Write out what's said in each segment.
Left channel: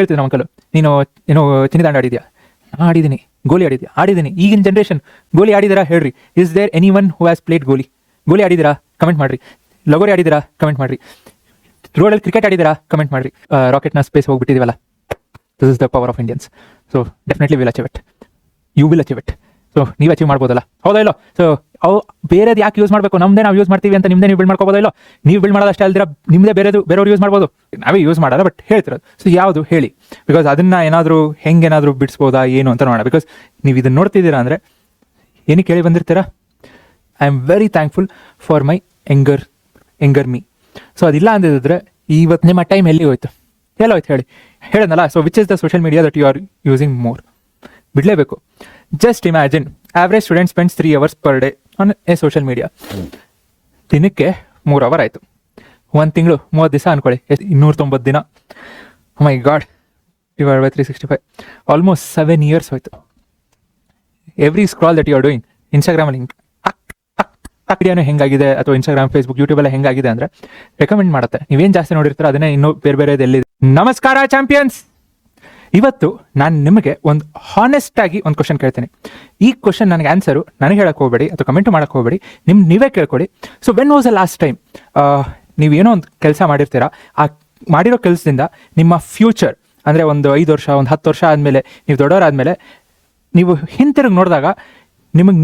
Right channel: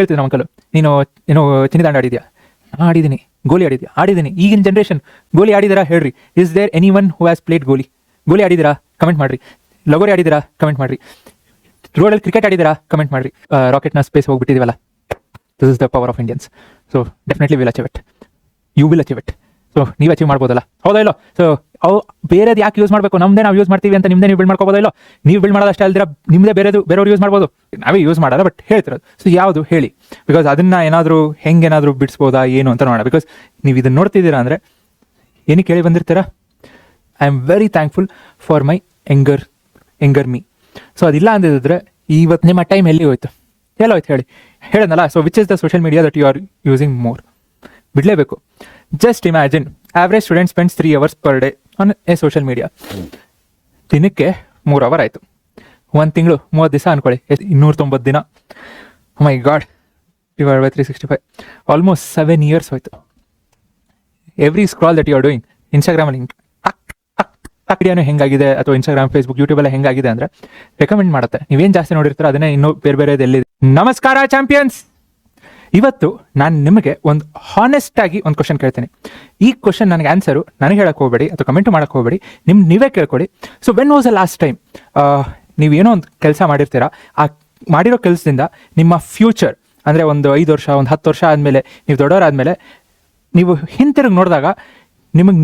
ಕೇಳ್ತೀವಿ ನಮ್ಮ ಅಂಕಲ್, ನೀನು ಏನೋ ಚಿನ್ನದಾಂಡು ಆಡಿದ್ಯಾ? ಆಡಿದ್ದೀನಿ. ಗೋಲಿ ಆಡಿದ್ದೀನಿ. ಈಗಿನ ಜನರೇಷನ್ ಗೋಲಿ ಆಡಿದಾರಾ ಹೇಳ್ರಿ? Is there anyone who has played ಗೋಲಿ ಆಡಿದಿರಾ? ಕಮೆಂಟ್ ಮಾಡ್ರಿ. ಲಗೋರಿ ಆಡಿದಿರಾ? ಕಮೆಂಟ್ ಮಾಡ್ರಿ. ರೋಡಲ್ಲಿ ಕ್ರಿಕೆಟ್ ಆಡಿದಿರಾ? ಕಮೆಂಟ್ ಮಾಡ್ರಿ. ರಾಕೆಟ್ನ ಸ್ಪೇಸ್ ಹೋಗ್ಬಿಟ್ಟಿದೀವಲ್ಲ. This is the power of Indians. So definitely will achieve it. You will achieve it. So ನೀವು ಅಚೀವ್ ಮಾಡ್ಬೋದಲ್ಲ, ಹೌದಾ ಇಲ್ಲೋ? ಸೊ ಅವು ಬೇರೆದು ಯಾಕೆ ಯೂಸ್ ಮಾಡಬೇಕು? ನಮ್ದೇ ನಾವು ಯೂಸ್ ಮಾಡ್ತೀವಿ ಅಂತ ನಿಮ್ದೇ ನೀವು ಬಿಲ್ಡ್ ಮಾಡ್ಕೋಬೋದು ಇಲ್ಲೋ? ನೀವು ಬಿಲ್ಡ್ ಮಾಡೋದು ಅಷ್ಟೇ ಅಲ್ದಿರ ನಿಮ್ದೇ ಬೇರೆಯವ್ರು ಯೂಸ್ ಮಾಡ್ಬೋದು, ನಾವೇ ಯೂಸ್ ಮಾಡಲ್ಲ. ಬಟ್ ಹೇಳ್ತಿರೋದು ಸೊ ಯಾವುದು ಹೇಳಿ, ಬಿಕಾಸ್ ಅದನ್ನ ಹೆಂಗೇನಾದ್ರೂ ಬಿಡಿಸ್ಬೋದಾ ಏನು ಅಂತ ನೋಡೋಣ. ಬಿಕಾಸ್ ನೀವು ಇದನ್ನ ನೋಡ್ತಿದ್ದೀರಾ ಅಂದ್ರೆ ಏನಕ್ಕೆ ಕೇಳಿ ಬಂದಿರ್ತೀರಾ? I am very thankful for my younger me. So ಅದಿಲ್ಲ ಅಂದಿದ್ರೆ ಇವತ್ತು ನಿಮ್ಮ ಟೈಮ್ ಎಲ್ಲಿ ಹೋಯ್ತು? ಎಲ್ಲೋಯ್ತು ಹೇಳಿ? ಹೇಳೋದಲ್ಲ. So which is the social media that you are using more? ಬಿಡಲೇಬೇಕು. Just imagine, average student spends 3 hours per day on a social media. ದಿನಕ್ಕೆ 3 hour ಆಯಿತು. 1 ತಿಂಗಳು 30 ದಿವಸ ಅನ್ಕೊಳ್ಳಿ, 290 ದಿನ. My god, divided by 365, almost 7 years ಹೋಯ್ತು. Every scroll that you are doing, ಇನ್ಸ್ಟಾಗ್ರಾಮಲ್ಲಿ ವಿಡಿಯೋನು ಹೆಂಗಾಗಿದೆ, ಅಥವಾ ಇನ್ಸ್ಟಾಗ್ರಾಮ್, ಫೇಸ್ಬುಕ್, ಯೂಟ್ಯೂಬ್ ಎಲ್ಲ ಹೆಂಗಾಗಿದೆ ಅಂದ್ರೆ ರೆಕಮೆಂಡ್ ಮಾಡುತ್ತೆ. ನೀವೇನು ಜಾಸ್ತಿ ನೋಡಿರ್ತೀರೋ ಅದನ್ನೇ ಇನ್ನೂ ಬೇರೆ ಎಲ್ಲಿದೆ. ನಮಸ್ಕಾರ ಚಾಂಪಿಯನ್ಸ್. ಇವತ್ತು ನಾನು ನಿಮಗೆ ಒಂದು ಹಾನೆಸ್ಟ್ ಆಗಿ ಒಂದು ಕ್ವಶನ್ ಕೇಳ್ತೇನೆ. ಈ ಕ್ವಶನ್ ನನಗೆ ಆನ್ಸರು ನನಗೆ ಹೇಳಕ್ ಹೋಗಬೇಡಿ ಅಥವಾ ಕಮೆಂಟ್ ಮಾಡಕ್ ಹೋಗಬೇಡಿ, ನೀವೇ ಕೇಳ್ಕೊಡಿ. So when was the last time ನೀವೇನೋ ಒಂದು ಕೆಲಸ ಮಾಡಿರ್ತೀರಾ, ಆ ಮಾಡಿರೋ ಕೆಲಸದಿಂದ ನಿಮ್ಮ ಫ್ಯೂಚರ್ ಅಂದರೆ ಒಂದು 5 ವರ್ಷ, ಒಂದು 10 ವರ್ಷ ಆದಮೇಲೆ, ನೀವು ದೊಡ್ಡವರಾದ್ಮೇಲೆ ನೀವು ಹಿಂತಿರುಗಿ ನೋಡಿದಾಗ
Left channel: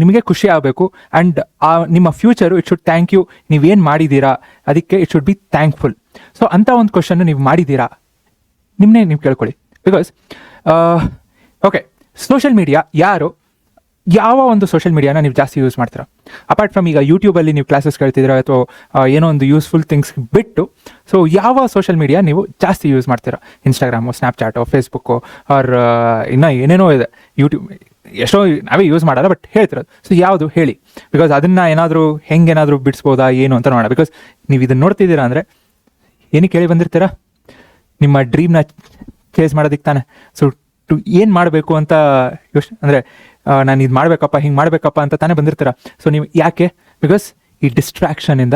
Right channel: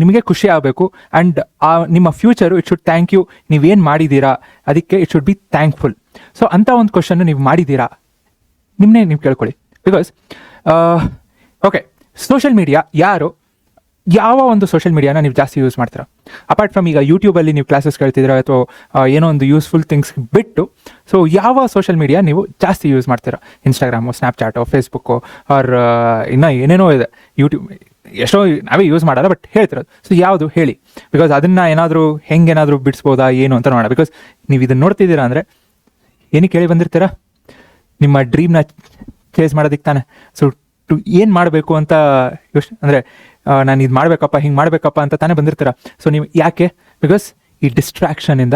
ನಿಮಗೆ ಖುಷಿ ಆಗಬೇಕು. ಆ್ಯಂಡ್ ಆ ನಿಮ್ಮ future it should thank you. ನೀವೇನು ಮಾಡಿದ್ದೀರಾ ಅದಕ್ಕೆ it should be thankful. So ಅಂಥ ಒಂದು ಕ್ವಶನ್ ನೀವು ಮಾಡಿದ್ದೀರಾ? ನಿಮ್ಮನ್ನೇ ನೀವು ಕೇಳ್ಕೊಳ್ಳಿ. ಬಿಕಾಸ್ ಓಕೆ, ಸೋಷಿಯಲ್ ಮೀಡಿಯಾ ಯಾವ ಒಂದು ಸೋಷಿಯಲ್ ಮೀಡಿಯಾನ ನೀವು ಜಾಸ್ತಿ ಯೂಸ್ ಮಾಡ್ತೀರಾ? ಅಪಾರ್ಟ್ ಫ್ರಮ್ ಈಗ ಯೂಟ್ಯೂಬಲ್ಲಿ ನೀವು ಕ್ಲಾಸಸ್ ಕೇಳ್ತಿದ್ದೀರಾ ಅಥವಾ ಏನೋ ಒಂದು ಯೂಸ್ಫುಲ್ ಥಿಂಗ್ಸ್ ಬಿಟ್ಟು, ಸೊ ಯಾವ ಸೋಷಿಯಲ್ ಮೀಡಿಯಾ ನೀವು ಜಾಸ್ತಿ ಯೂಸ್ ಮಾಡ್ತೀರಾ? ಇನ್ಸ್ಟಾಗ್ರಾಮು, ಸ್ನ್ಯಾಪ್ಚಾಟು, ಫೇಸ್ಬುಕ್ಕು, ಆರ್ ಇನ್ನೂ ಏನೇನೋ ಇದೆ. ಯೂಟ್ಯೂಬ್ ಎಷ್ಟೋ ನಾವೇ ಯೂಸ್ ಮಾಡಲ್ಲ, ಬಟ್ ಹೇಳ್ತಿರೋದು ಸೊ ಯಾವುದು ಹೇಳಿ? ಬಿಕಾಸ್ ಅದನ್ನ ಹೆಂಗೇನಾದರೂ ಬಿಡಿಸ್ಬೋದಾ ಏನು ಅಂತ ನೋಡೋಣ. ಬಿಕಾಸ್ ನೀವು ಇದನ್ನು ನೋಡ್ತಿದ್ದೀರಾ ಅಂದರೆ ಏನಕ್ಕೆ ಕೇಳಿ ಬಂದಿರ್ತೀರಾ? ನಿಮ್ಮ ಡ್ರೀಮ್ನ ಚೇಸ್ ಮಾಡೋದಕ್ಕೆ ತಾನೆ. ಸೊ ಏನು ಮಾಡಬೇಕು ಅಂತ ಅಂದರೆ ನಾನು ಇದು ಮಾಡಬೇಕಪ್ಪ, ಹಿಂಗೆ ಮಾಡಬೇಕಪ್ಪ ಅಂತ ತಾನೇ ಬಂದಿರ್ತೀರ. ಸೊ ನೀವು ಯಾಕೆ? ಬಿಕಾಸ್ ಈ ಡಿಸ್ಟ್ರಾಕ್ಷನಿಂದ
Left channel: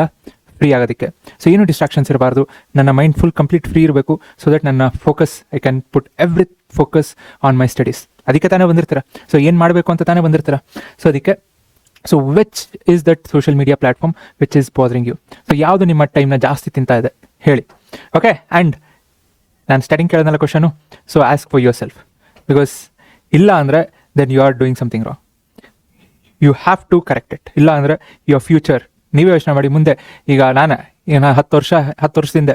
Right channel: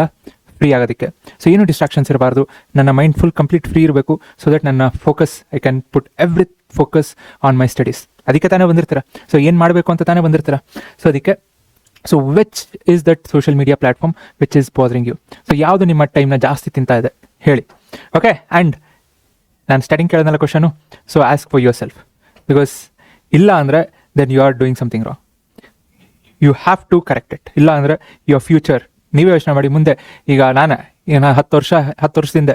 ಫ್ರೀ ಆಗೋದಕ್ಕೆ. ಸೊ ಏನು ಡಿಸ್ಟ್ರಾಕ್ಷನ್ಸ್ ಇರಬಾರ್ದು, ನನ್ನ ಮೈಂಡ್ ಫುಲ್ ಕಂಪ್ಲೀಟ್ ಫ್ರೀ ಇರಬೇಕು. ಸೊ ದಟ್ ನನ್ನ focus, I can put every focus on my studies. ಅದಕ್ಕೆ ತಾನೇ ಬಂದಿರ್ತೀರ. ಸೊ ಏನು ಮಾಡಬೇಕು ಅಂತ ತಾನೇ ಬಂದಿರ್ತೀರ. ಸೊ ಅದಕ್ಕೆ so which is that social media platform which is bothering you? So ಯಾವುದು ನಿಮ್ಮ ಟೈಮ್ನ ಜಾಸ್ತಿ ತಿಂತಾ ಇದೆ ಹೇಳಿ? ಓಕೆ, ಆ್ಯಂಡ್ ನಾನು ಸ್ಟಾರ್ಟಿಂಗ್ ಕೇಳೋದಲ್ಲ question. So ask for your self. Because ಇಲ್ಲ ಅಂದರೆ then you are doing something wrong. You have to correct it. ಇಲ್ಲ ಅಂದರೆ ಯುವರ್ ಫ್ಯೂಚರ್ ನೀವೇ ಯೋಚನೆ ಮಾಡಿ. ಮುಂದೆ ಈಗ ನಾನು 10 ವರ್ಷದಿಂದ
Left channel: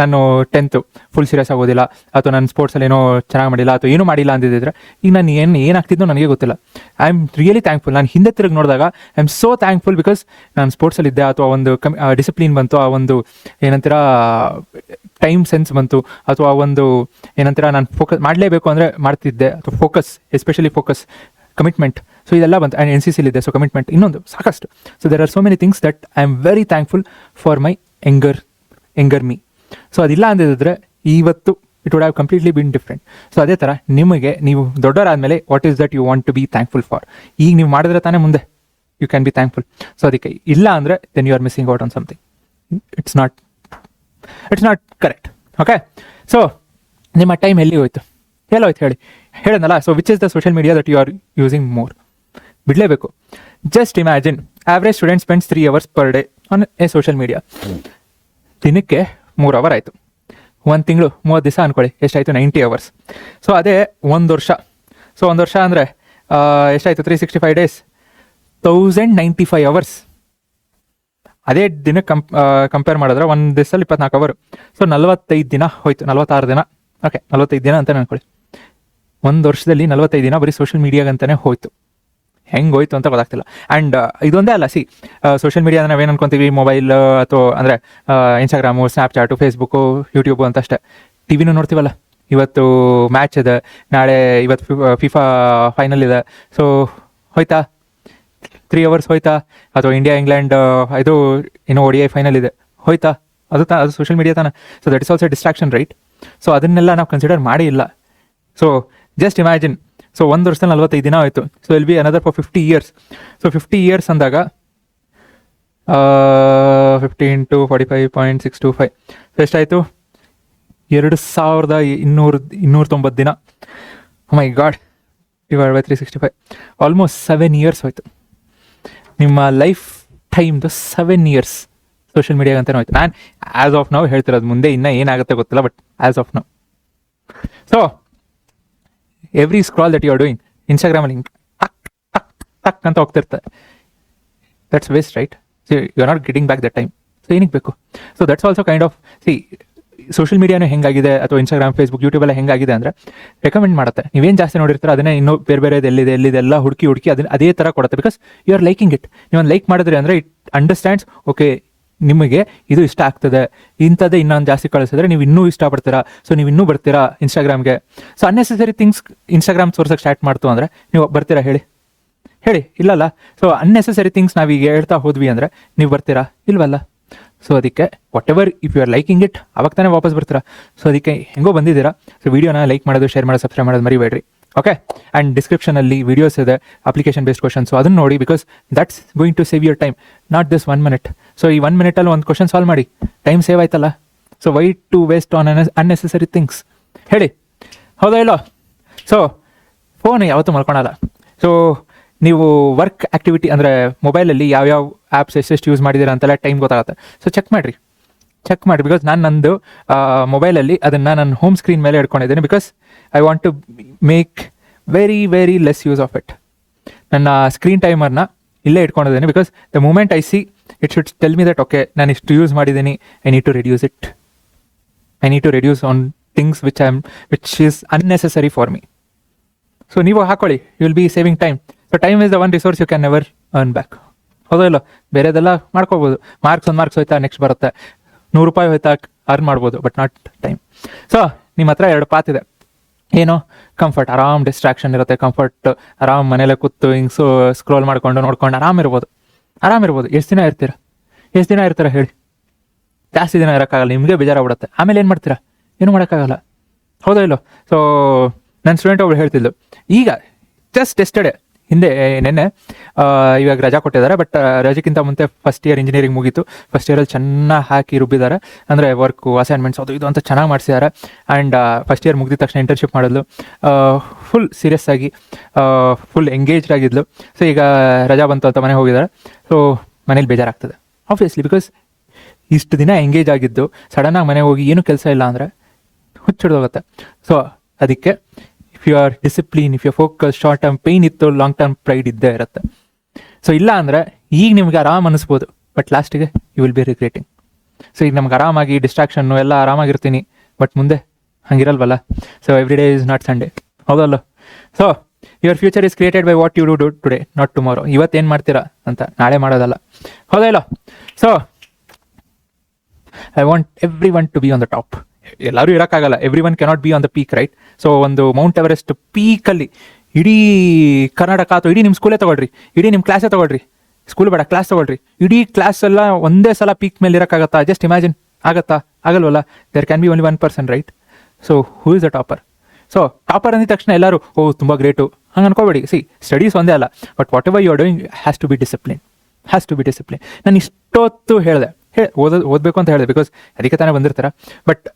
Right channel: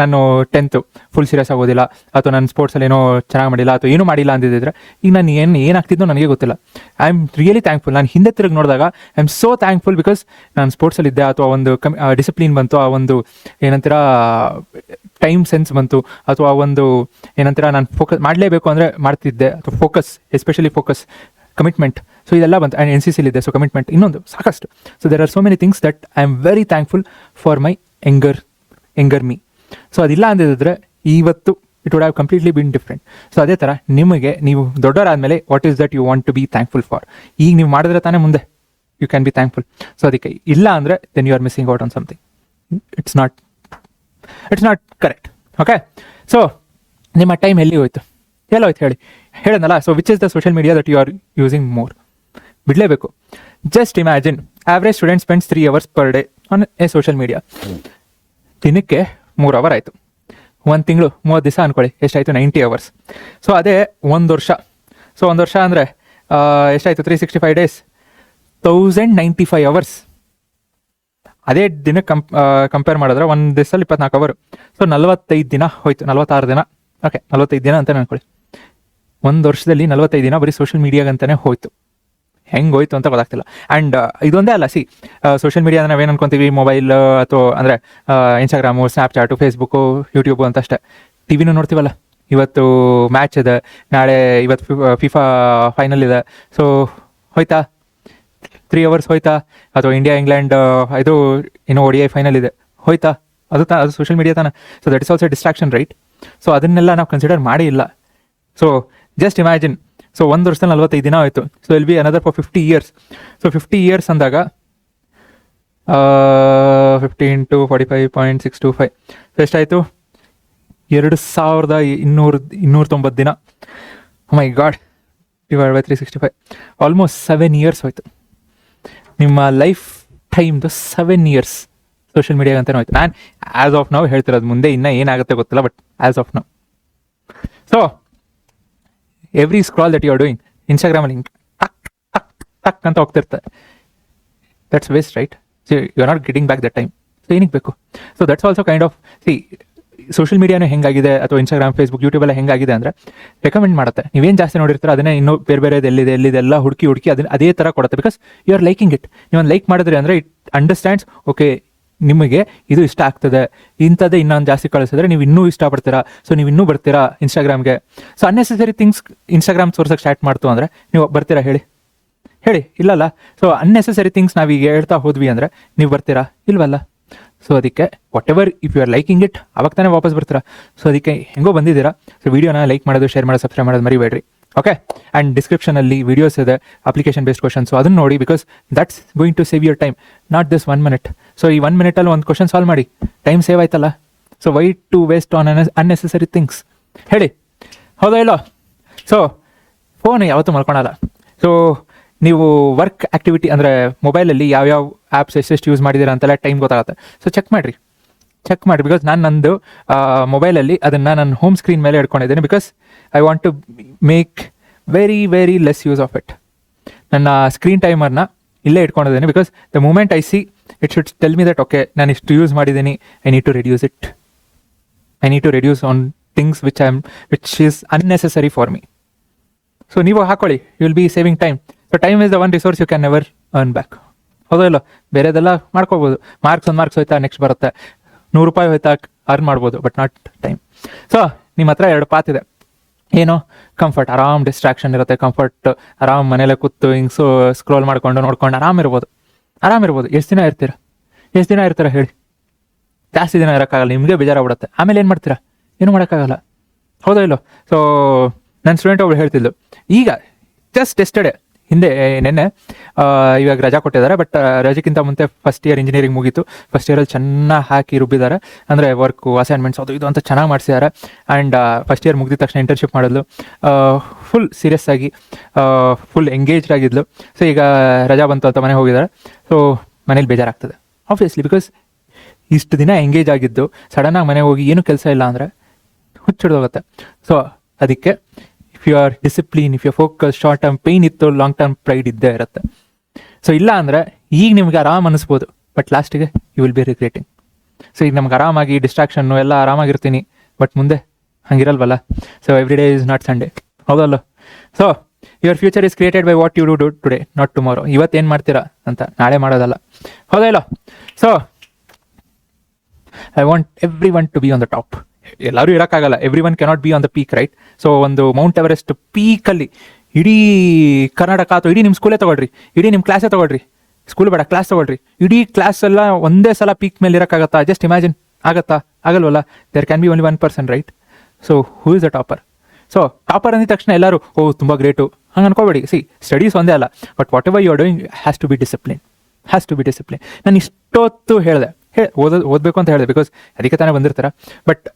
ನಾನು 10th ಫುಲ್ ಸೀರಿಯಸ್ ಆಗೋದಿಲ್ಲ, ಅಥವಾ ನಾನು ಸ್ಪೋರ್ಟ್ಸಲ್ಲಿ ಏನೋ ಚೆನ್ನಾಗಿ ಮಾಡಿಲ್ಲ ಅಥವಾ ಏನೂ ಮಾಡಿಲ್ಲ ಅಂದಿದ್ದರೆ ಈಗ ನಾನು ಏನಾಗ್ತಿದ್ದೋ ನನಗೆ ಗೊತ್ತಿಲ್ಲ. I am really thankful. ನಾನು ಹಿಂದೆ ತಿರುಗಿ ನೋಡಿದಾಗ I am so thankful. Because ನಾನು ಸ್ಪೋರ್ಟ್ಸಲ್ಲಿದ್ದೆ, ಅಥವಾ ಒಂದು ಡಿಸಿಪ್ಲಿನ್ ಬಂತು, ಆ ಒಂದು ಏನಂತೀರ ಟೈಮ್ ಸೆನ್ಸ್ ಬಂತು, ಅಥವಾ ಒಂದು ಏನಂತೀರ ನಾನು ಫೋಕಸ್ ಮಾಡಲೇಬೇಕು ಅಂದರೆ ಮಾಡ್ತಿದ್ದೆ. ಅಥವಾ focus, especially focus, commitment, so ಇದೆಲ್ಲ ಬಂತು. ಆ್ಯಂಡ್ NCC ಇದೆ, ಸೊ ಕಮಿಟ್ಮೆಂಟ್ ಇನ್ನೊಂದು ಸಾಕಷ್ಟು. So there are so many things that I am very thankful for my younger me. So ಅದಿಲ್ಲ ಅಂದಿದ್ರೆ ಇವತ್ತು it would have completely been different. So ಅದೇ ಥರ ನಿಮಗೆ ನೀವು ದೊಡ್ಡವರಾದ್ಮೇಲೆ what is that you want to be thankful for? ಈಗ ನೀವು ಮಾಡಿದ್ರೆ ತಾನೇ ಮುಂದೆ you can be thankful. So ಅದಕ್ಕೆ ಇಲ್ಲ ಅಂದರೆ then you are missing out on something. It's not correct. Okay, so ನಿಮ್ಮ ಟೈಮ್ ಎಲ್ಲಿ ಹೋಯ್ತು? ಎಲ್ಲೋಯ್ತು ಹೇಳಿ? ಹೇಳೋದಲ್ಲ. So which is the social media that you are using more? ಬಿಡಲೇಬೇಕು. Just imagine, average student spends 3 hours per day on a social media. ದಿನಕ್ಕೆ 3 hour ಆಯಿತು. 1 ತಿಂಗಳು 30 ದಿವಸ ಅನ್ಕೊಳ್ಳಿ, ಎಷ್ಟಾಯಿತು? 90 hours. ಸೊ ಅದೇ 1 ವರ್ಷ. ಸೊ 1 ವರ್ಷ ಅಂದರೆ ಎಷ್ಟಾಯಿತು? 365 days, 1095 hours. ಅದೇ ದಿನಕ್ಕೆ ಕಂಪೇರ್ ಮಾಡಿದ್ರೆ ಒಂದು ದಿವಸದಲ್ಲಿ 24 hour. ಸೊ 45 ದಿನ ಹೋಯ್ತು, 46 ದಿನ. ಓಕೆ, 45 ದಿನ ಅಂತ ಅನ್ಕೊಳ್ಳಿ. 1 ವರ್ಷದಲ್ಲಿ 45 ದಿನ ಬರೀ ಸೋಷಿಯಲ್ ಮೀಡಿಯಾಗಂತಾನೆ ಹೋಯ್ತು. ಹೆಂಗೆ ಹೋಯ್ತು ಅಂತ ಗೊತ್ತಾಗ್ತಿಲ್ಲ. ಆ್ಯಂಡ್ ಇದೊಂದೇ ಅಲ್ಲ, ಸೋಷಿಯಲ್ ಮೀಡಿಯಾ ನಾವೇನು ಅನ್ಕೊಂತೀವಿ, ಮೊಬೈಲ್ ಅಥವಾ ಅಂದರೆ ಇನ್ಸ್ಟಾಗ್ರಾಮು, ಸ್ನ್ಯಾಪ್ಚಾಟು, ಫೇಸ್ಬುಕ್ಕು, ಯೂಟ್ಯೂಬು ಅಂತ ಅಷ್ಟೇ. ಟಿವಿನೂ ನೋಡ್ತೀವಲ್ಲ, ಇವತ್ತು ಮ್ಯಾಚ್ ಇದೆ, ಇವತ್ತು FIFA ಫೈನಲ್ ಇದೆ. ಸೊ ಹೋಯ್ತಾ 3 hours ಹೋಯ್ತಾ? ಅಥವಾ ಇಂಡಿಯಾ ಇಂಗ್ಲೆಂಡ್ ಇದು ಇನ್ನೂ ODI ಫೈನಲ್ ಇದೆ, ಹೋಯ್ತಾ? ಅದು ಸೋಷಿಯಲ್ ಮೀಡಿಯಾ ತಾನೆ. So that is also distraction, right? So ಅದನ್ನೆಲ್ಲ ನಾವು ಕನ್ಸಿಡರ್ ಮಾಡೇ ಇಲ್ಲ. ಸೊ ಜಸ್ಟ್ ಇಮ್ಯಾಜಿನ್, ಸೊ 1 ವರ್ಷದಲ್ಲಿ 45 ದಿನ ಆಯಿತು. So will be another for 50 years. So 50 years ಅಂದಾಗ 50 × 45.625 ಎಷ್ಟಾಯಿತು? 2290 ದಿನ. My god, divide by 365, almost 7 years ಹೋಯ್ತು. ನಿಮ್ಮ ಲೈಫ್ ಟೈಮ್ದು 7 ಇಯರ್ಸ್ ಸೋಷಿಯಲ್ ಮೀಡಿಯಾ ಅಂತಾನೆ ಹೋಯ್ತು. ನಾನು ಆಸ್ ಆಫ್ ನಾವು ಹೇಳ್ತಿರೋದು, ಮುಂದೆ ಇನ್ನೂ ಏನಾಗುತ್ತೆ ಗೊತ್ತಿಲ್ಲ, ಬಟ್ ಆಸ್ ಆಫ್ ನಾವು. So every scroll that you are doing ಇನ್ಸ್ಟಾಗ್ರಾಮಲ್ಲಿ ಟಕ್ ಅಂತ ಹೋಗ್ತಾ ಇರ್ತಾರೆ. That's waste, right? You are not getting back that time. So ಏನಕ್ಕೆ ಬೇಕು? So that's also kind of social ಮೀಡಿಯಾನೇ ಹೆಂಗಾಗಿದೆ, ಅಥವಾ ಇನ್ಸ್ಟಾಗ್ರಾಮ್, ಫೇಸ್ಬುಕ್, ಯೂಟ್ಯೂಬ್ ಎಲ್ಲ ಹೆಂಗಾಗಿದೆ ಅಂದರೆ ರೆಕಮೆಂಡ್ ಮಾಡುತ್ತೆ. ನೀವೇನು ಜಾಸ್ತಿ ನೋಡಿರ್ತಾರೆ ಅದನ್ನೇ ಇನ್ನೂ ಬೇರೆ ಎಲ್ಲಿದೆಲ್ಲ ಹುಡುಕಿ ಅದೇ ಥರ ಕೊಡುತ್ತೆ. Because you are liking it. ನೀವು ಲೈಕ್ ಮಾಡಿದ್ರಿ ಅಂದರೆ ಇಟ್ ಅಂಡರ್ಸ್ಟ್ಯಾಂಡ್ಸ್, ಓಕೆ ನಿಮಗೆ ಇದು ಇಷ್ಟ ಆಗ್ತದೆ, ಇಂಥದ್ದೇ ಇನ್ನೊಂದು ಜಾಸ್ತಿ ಕಳಿಸಿದ್ರೆ ನೀವು ಇನ್ನೂ ಇಷ್ಟಪಡ್ತೀರಾ, ಸೊ ನೀವು ಇನ್ನೂ ಬರ್ತೀರಾ ಇನ್ಸ್ಟಾಗ್ರಾಮ್ಗೆ. ಸೊ ಅನ್ನೆಸೆಸರಿ ಥಿಂಗ್ಸ್ ಇನ್ಸ್ಟಾಗ್ರಾಮ್ ತೋರ್ಸಕ್ಕೆ ಸ್ಟಾರ್ಟ್ ಮಾಡ್ತು ಅಂದರೆ ನೀವು ಬರ್ತೀರಾ? ಹೇಳಿ ಇಲ್ಲಲ್ಲ. ಸೊ ಅನ್ನೆಸೆಸರಿ ಥಿಂಗ್ಸ್ ನಾವೀಗ ಹೇಳ್ತಾ ಹೋದ್ವಿ ಅಂದರೆ ನೀವು ಬರ್ತೀರಾ? ಇಲ್ವಲ್ಲ. ಸೊ ಅದಕ್ಕೆ whatever if you are liking it, ಅವಾಗ ತಾನೇ ವಾಪಸ್ ಬರ್ತೀರಾ. ಸೊ ಅದಕ್ಕೆ ಹೆಂಗೋ ಬಂದಿದ್ದೀರಾ, ಸೊ ವಿಡಿಯೋನ ಲೈಕ್ ಮಾಡೋದು, ಶೇರ್ ಮಾಡೋದು, ಸಬ್ಸ್ಕ್ರೈಬ್ ಮಾಡೋದು ಮರಿಬೇಡ್ರಿ. ಓಕೆ, ಆ್ಯಂಡ್ ಡಿಸ್ಕ್ರಿಪ್ಷನಲ್ಲಿ ವಿಡಿಯೋಸ್ ಇದೆ, ಅಪ್ಲಿಕೇಶನ್ ಬೇಸ್ಡ್ ಕ್ವಶನ್ಸ್, ಅದನ್ನು ನೋಡಿ. Because that's going to save your time, not this 1 minute. So ಈ 1 minute ಒಂದು ಕ್ವಶನ್ ಸಾಲ್ವ್ ಮಾಡಿ, ಟೈಮ್ ಸೇವ್ ಆಯ್ತಲ್ಲ. So why to waste on unnecessary things? ಹೇಳಿ, ಹೌದಾ ಇಲ್ಲೋ? ಸೊ ಫೋನ್ ಯಾವತ್ತೂ ಮಲ್ಕೊಳಲ್ಲ. ಸೊ ನೀವು ವರ್ಕ್ ಆ್ಯಕ್ಟಿವಿಟಿ ಅಂದರೆ ಮೊಬೈಲಲ್ಲಿ ಯಾವ್ಯಾವ ಆ್ಯಪ್ಸ್ ಎಷ್ಟೆಷ್ಟು ಯೂಸ್ ಮಾಡಿದ್ದೀರಾ ಅಂತೆಲ್ಲ ಟೈಮ್ ಗೊತ್ತಾಗುತ್ತೆ. ಸೊ ಚೆಕ್ ಮಾಡಿ. ಬಿಕಾಸ್ ನಾನು ನಂದು ಮೊಬೈಲಲ್ಲಿ ಅದನ್ನು ನನ್ನ ಹೋಮ್ ಸ್ಕ್ರೀನ್ ಮೇಲೆ ಇಟ್ಕೊಂಡಿದ್ದೇನೆ. Because I want to make very less use of it. ನನ್ನ ಸ್ಕ್ರೀನ್ ಟೈಮರ್ನ ಇಲ್ಲೇ ಇಟ್ಕೊಂಡಿದ್ದೇನೆ. Because the moment I see it should tell me that okay ನಾನು ಇಷ್ಟು ಯೂಸ್ ಮಾಡಿದ್ದೀನಿ, I need to reduce it. I need to reduce on things which is unnecessary for me. So ನೀವು ಹಾಕೊಳ್ಳಿ, you will be saving time. So time is the one resource you can never earn back. ಹೌದಲ್ಲ? ಬೇರೆದೆಲ್ಲ ಮಾಡ್ಕೋಬೋದು. Marks ಹೋಯ್ತಾ, next ಬರುತ್ತೆ. 100 ರೂಪಾಯಿ ಹೋಯ್ತಾ, earn ಮಾಡ್ಬೋದು, but not time. So ನಿಮ್ಮ ಹತ್ರ 2 ಪಾತ್ ಇದೆ. ಏನೋ ಕಂಫರ್ಟ್, ಆರಾಮ್ ಡಿಸ್ಟ್ರಾಕ್ಷನ್ ಇರುತ್ತೆ. ಕಂಫರ್ಟ್, ಆರಾಮ್ ಮನೇಲೆ ಕೂತು ಹಿಂಗೆ ಸ್ಕ್ರೋಲ್ ನೋಡ್ಕೊಂಡು ಆರಾಮ್ ಇರ್ಬೋದು. ಎಷ್ಟು ದಿನ ಇರ್ತೀರಾ ಹೇಳಿ? ಜಾಸ್ತಿ ದಿನ ಇರೋಕ್ಕಾಗಲ್ಲ, ನಿಮಗೆ ಬೇಜಾರಾಗ್ಬಿಡುತ್ತೆ. ಆಮೇಲೆ ಏನು ಮಾಡ್ತೀರಾ? ಏನು ಮಾಡೋಕ್ಕಾಗಲ್ಲ. ಹೌದಾ ಇಲ್ಲೋ? ಸೊ ನನ್ನ ಸ್ಟೂಡೆಂಟ್ ಒಬ್ರು ಹೇಳ್ತಿದ್ದು, ಈಗ ಜಸ್ಟ್ ಎಸ್ಟರ್ಡೇ ನೆನ್ನೆ ಇವಾಗ ರಜಾ ಕೊಟ್ಟಿದ್ದಾರೆ. ಬಟ್ ರಜೆಗಿಂತ ಮುಂದೆ ಫಸ್ಟ್ ಇಯರ್ ಇಂಜಿನಿಯರಿಂಗ್ ಮುಗೀತು. ಫಸ್ಟ್ ಇಯರಲ್ಲಿ ಚೆನ್ನಾಗಿ ಹಾಕಿ ರುಬ್ಬಿದ್ದಾರೆ. ಅಂದರೆ ವರ್ಕು, ಅಸೈನ್ಮೆಂಟ್ಸ್ ಅದು ಇದು ಅಂತ ಚೆನ್ನಾಗಿ ಮಾಡಿಸಿದ್ದಾರೆ. ಆ್ಯಂಡ್ ಫಸ್ಟ್ ಇಯರ್ ಮುಗಿದ ತಕ್ಷಣ ಇಂಟರ್ನ್ಶಿಪ್ ಮಾಡಿದ್ಲು. ಫುಲ್ ಸೀರಿಯಸ್ ಆಗಿ ಫುಲ್ ಎಂಗೇಜ್ಡ್ ಆಗಿದ್ಲು. ಸೊ ಈಗ ರಜಾ ಬಂತು ಅಂತ ಮನೆಗೆ ಹೋಗಿದ್ದಾರೆ. ಸೊ ಮನೇಲಿ ಬೇಜಾರಾಗ್ತದೆ ಆಬ್ವಿಯಸ್ಲಿ. ಬಿಕಾಸ್ ಇಷ್ಟು ದಿನ ಎಂಗೇಜ್ ಆಗಿದ್ದು ಸಡನ್ನಾಗಿ ಮನೆಗೆ ಹೋಗಿ ಏನೂ ಕೆಲಸ ಇಲ್ಲ ಅಂದರೆ ಹುಚ್ಚಿಡೋಗುತ್ತೆ. ಸೊ ಅದಕ್ಕೆ if you are discipline, if you focus, short term pain ಇತ್ತು, ಲಾಂಗ್ ಟರ್ಮ್ ಪ್ರೈಡ್ ಇದ್ದೇ ಇರುತ್ತೆ. ಸೊ ಇಲ್ಲ ಅಂದರೆ ಈಗ ನಿಮ್ಗೆ ಆರಾಮ್ ಅನಿಸ್ಬೋದು, ಬಟ್ ಲಾಸ್ಟಿಗೆ you will be regretting. So ಈಗ ನಮ್ಗೆ ಆರಾಮಾಗಿ ಡಿಸ್ಟ್ರಾಕ್ಷನ್ನು ಎಲ್ಲ ಆರಾಮಾಗಿರ್ತೀನಿ, ಬಟ್ ಮುಂದೆ ಹಂಗಿರಲ್ವಲ್ಲ. So every day is not Sunday, ಹೌದಲ್ಲ? So your future is created by what you do today, not tomorrow. ಇವತ್ತೇನು ಮಾಡ್ತೀರಾ ಅಂತ ನಾಳೆ ಮಾಡೋದಲ್ಲ, ಹೌದಿಲ್ಲ? So I want everyone to be on the top. ಎಲ್ಲರೂ ಇರೋಕ್ಕಾಗಲ್ಲ, everyone cannot be on the peak, right? So ಒಂದು mount Everest ಪೀಕಲ್ಲಿ ಇಡೀ ಕರ್ನಾಟಕ ಅಥವಾ ಇಡೀ ನಿಮ್ಮ ಸ್ಕೂಲೇ ತಗೊಳ್ರಿ, ಇಡೀ ನಿಮ್ಮ ಕ್ಲಾಸೇ ತಗೊಳ್ರಿ, ಸ್ಕೂಲ್ ಬೇಡ ಕ್ಲಾಸ್ ತಗೊಳ್ರಿ, ಇಡೀ ಕ್ಲಾಸ್ ಎಲ್ಲ ಒಂದೇ ಸಲ ಪೀಕ್ ಮೇಲೆ ಇರೋಕ್ಕಾಗತ್ತಾ? ಜಸ್ಟ್ ಇಮ್ಯಾಜಿನ್, ಆಗತ್ತಾ? ಆಗಲ್ವಲ್ಲ? There can be only 1 person, right? So who is the topper? So topper ಅಂದಿದ ತಕ್ಷಣ ಎಲ್ಲರೂ ತುಂಬ ಗ್ರೇಟು ಹಂಗೆ ಅನ್ಕೋಬೇಡಿ. ಸ್ಟಡೀಸ್ ಒಂದೇ ಅಲ್ಲ, but whatever you are doing has to be discipline. ನಾನು ಇಷ್ಟೊತ್ತು ಹೇಳಿದೆ, ಓದಬೇಕು ಅಂತ ಹೇಳಿದೆ, ಬಿಕಾಸ್ ಅದಕ್ಕೆ ತಾನೇ ಬಂದಿರ್ತಾರ. ಬಟ್